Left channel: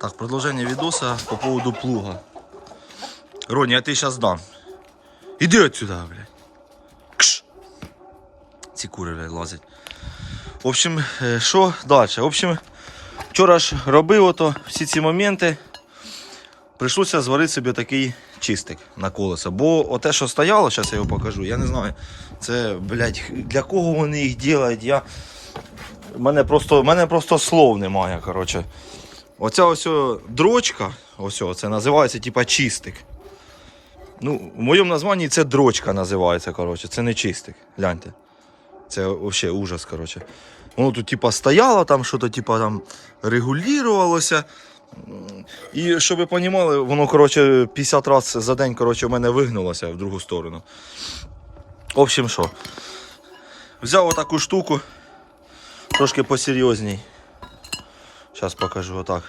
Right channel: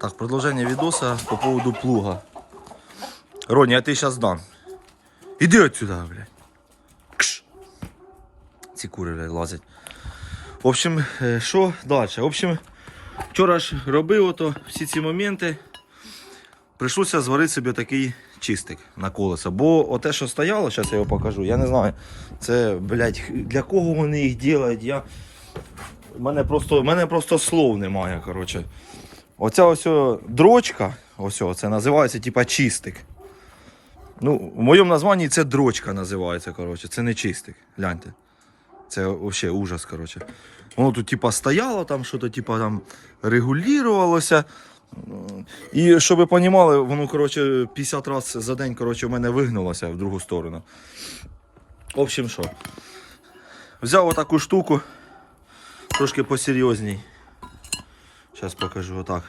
Так, продовження відоса по поводу плуга. Роні, я ти зараз дам. Іди отсюда, блядь. Кш. Ці кури блядь, лазять. В общем, е, що далі? В общем, вчора ж робив ото всі ці моменти. Прийшлося зварити собі такий чистик на колесо. Бо оте, що стояло, зараз я його покажу, я не знаю. Це, блядь, для кого вони їх роблять, я. Мене просто, мене просто слов немає, коротше. Оця ось дрочка, ось це називається типа чистик. Ну, в моєму названні це дрочка називається, коротше, це не чистик. Гляньте. Це взагалі ужас, коротше. Воно тут типа стояло, там що-то типа там регулювалося. І щоб ви розуміли, воно коротше, 50 разів за день коротше, в мене вигнулося в другу сторону. В общем, що? Взяв отаку штуку, трошки посерйозній. Зараз покажу отак.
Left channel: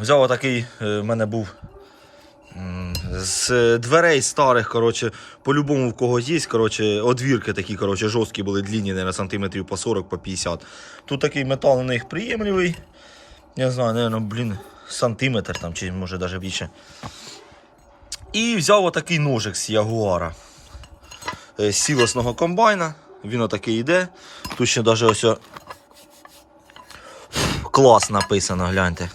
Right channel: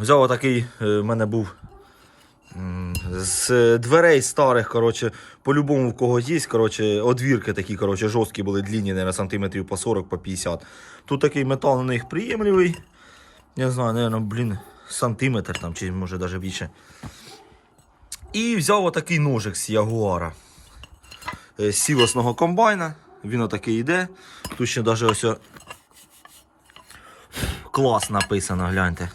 Взяв отакий, е, в мене був з дверей старих, коротше, по-любому в когось є, коротше, одвірки такі, коротше, жорсткі були, длінні, наверное, сантиметрів по 40, по 50. Тут такий метал на них приємливий. Я знаю, наверное, блін, сантиметр там, чи може навіть більше. І взяв отакий ножик з Ягуара. Е, З сілосного комбайна. Він отакий йде. Тут ще навіть ось клас написано, гляньте.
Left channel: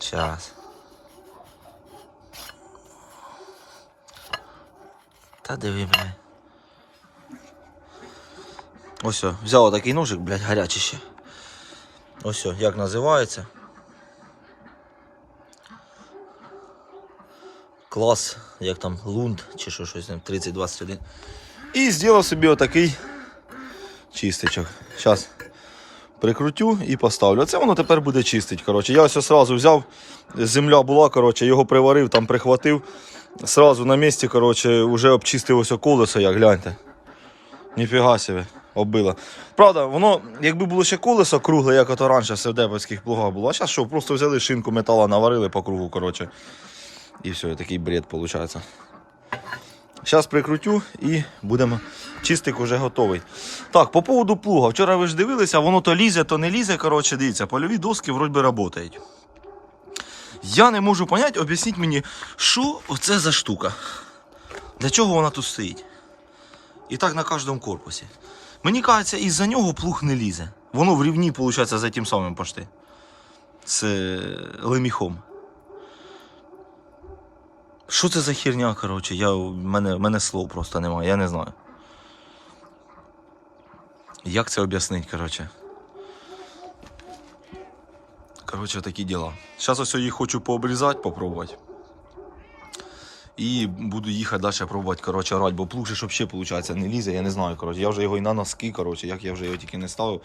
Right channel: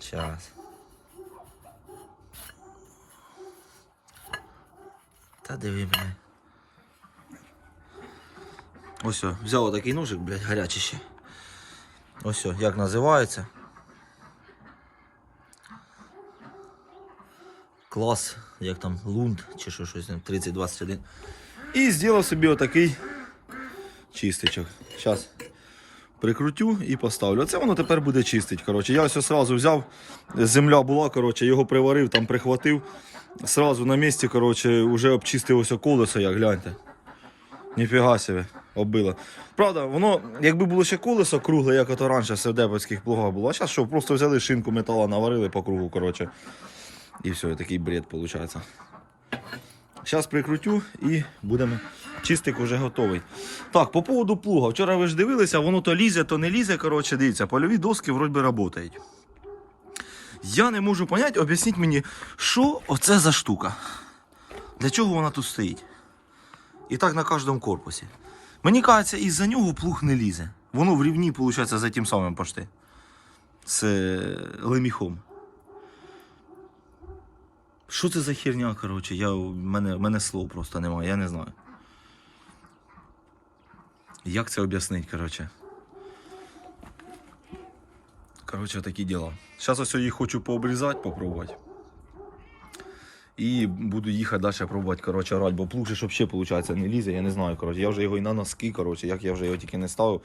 Зараз. Та диви, бля. Ось, взяв отакий ножик, блядь, гарячий ще. Ось, як називається. Клас, як там лунд чи що щось там 3021. І зробив собі отакий чистичок. Зараз прикрутю і поставлю. Оце воно тепер буде чистить. Коротше. Я ось одразу взяв, земля була, коротше, його приварив, там прихватив. Сразу на місці, коротше, вже обчистив ось колесо, як гляньте. Ніфіга себе, оббило. Правда, воно, якби було ще колесо кругле, як ото раніше в сердебовських плугах було, а зараз що, просто взяли шинку металу, наварили по кругу, коротше. І все, такий бред виходить. Зараз прикрутю і будемо. Чистик вже готовий. Так, по поводу плуга. Вчора ви ж дивилися, воно то лізе, то не лізе. Коротше, дивіться, польові доски вроді би працюють. Я не можу зрозуміти, об'ясніть мені, що оце за штука. Для чого вона тут стоїть? І так на кожному корпусі. Мені кажеться, із-за нього плуг не лізе. Воно в рівні, виходить, за тим самим пошти. З леміхом. Що це за херня, коротше? Я, в мене, в мене слов просто немає, я не знаю. Як це об'яснити, коротше? Коротше, такі діла. Зараз ось їх хочу пообрізати, попробувати. І буду їхати далі пробувати, коротше, орати, бо плуг же ж взагалі, виходить, не лізе, я не знаю, коротше. Я вже його і на носки, коротше, як я вже його тільки не ставив,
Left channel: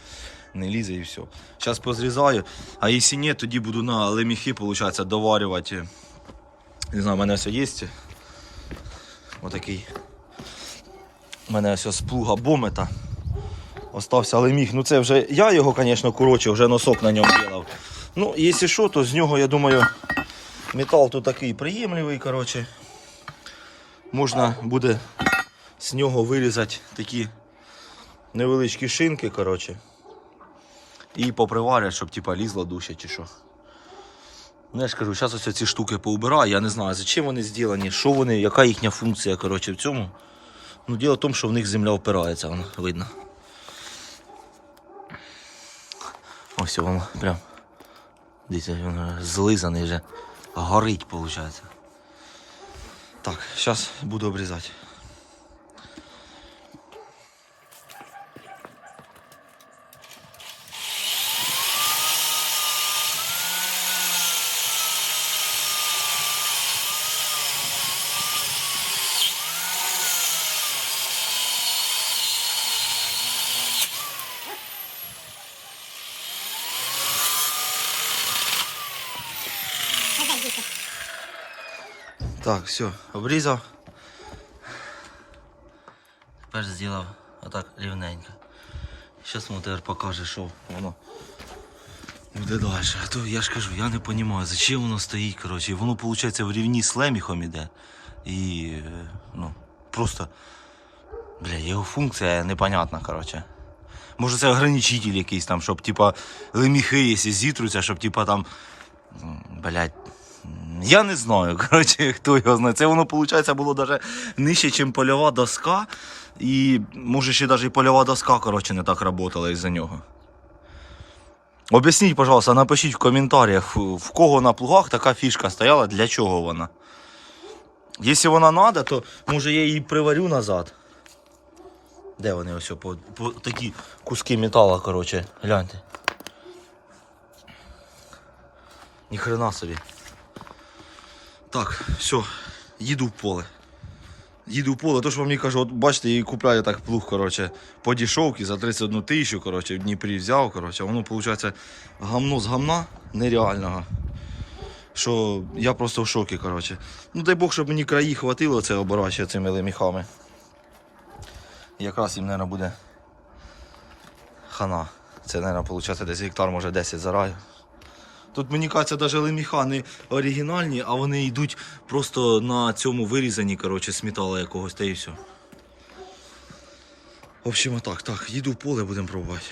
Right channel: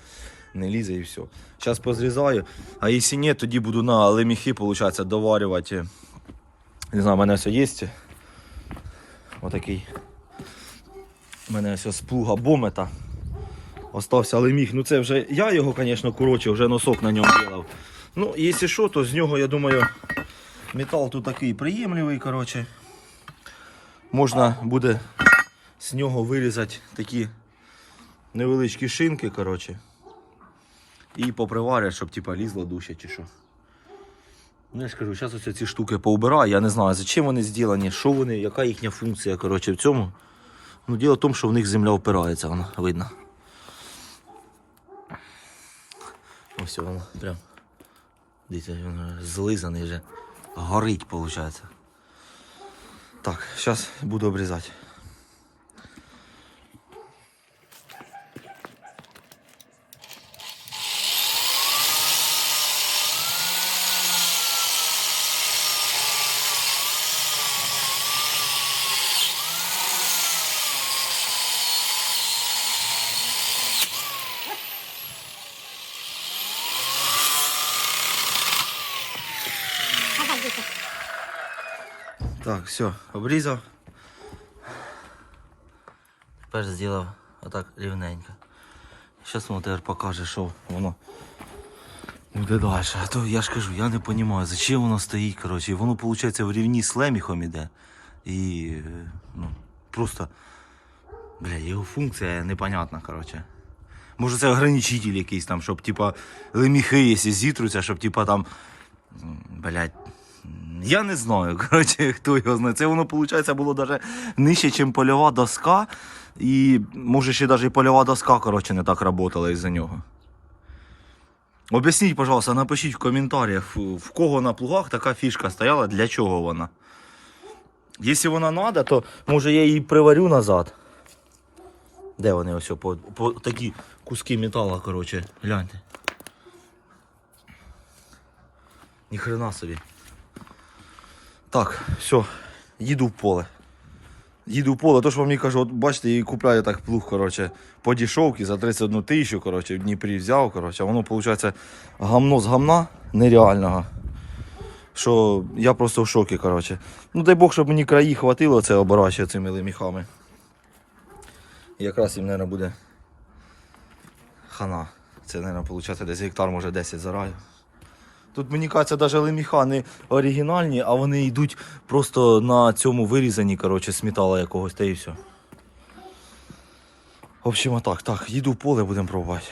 не лізе і все. Зараз позрізаю, а якщо ні, тоді буду на леміхи, виходить, доварювати. Не знаю, у мене все є. Отакий. У мене ось з плуга бомета. Остався леміг. Ну це вже я його, звісно, коротше, вже носок на ньому робив. Ну, якщо що, то з нього, я думаю, метал тут такий приємливий, коротше. Можна буде з нього вирізати такі невеличкі шинки, коротше. І поприварять, щоб типа лізло дужче чи що. Ну, я ж кажу, зараз ось ці штуки поубираю, я не знаю, за чим вони зроблені, що вони, яка їхня функція коротше, в цьому. Ну, діло в тому, що в них земля впирається, воно видно. Ось воно прям. Дивіться, воно злизаний вже. Горить, виходить. Так, зараз буду обрізати. Так, все, обрізав. Тепер зробив отак рівненько. Зараз тепер покаже, що воно буде далі. А то я ж кажу, я не розумію, зачем воно стоїть, коротше. Воно, виходить, в рівні з леміхом іде. І ну, просто, бля, його функція непонятна, коротше. Може це ограничитель якийсь там, щоб типа леміхи, якщо зітруться, щоб типа там. м, Я не знаю, коротше, хто його знає. Це воно, виходить, було навіть нижче, ніж польова доска. І може ще навіть і польова доска, коротше, не так працювала із-за нього. Об'ясніть, пожалуйста, напишіть в коментарях, в кого на плугах така фішка стояла, для чого вона. Якщо вона треба, то може я її приварю назад. Де вони ось по, по такі куски металу, коротше, гляньте. Ніхрена собі. Так, все, їду в поле. Їду в поле, то що вам мені кажу, от бачите, і купляю так плуг, коротше, по дешевці за 31 тисячу, коротше, в Дніпрі взяв, коротше, воно, виходить, гамно з гамна нереального. Що я просто в шокі, коротше. Ну дай Бог, щоб мені краї хватило це обирати цими леміхами. Якраз їм, мабуть, буде хана. Це, мабуть, десь гектар, може 10 зараю. Тут мені кажеться, навіть леміха не оригінальні, а вони йдуть просто на цьому вирізані, коротше, з якогось та і все. В общем, отак, так, їду в поле, будемо пробувати.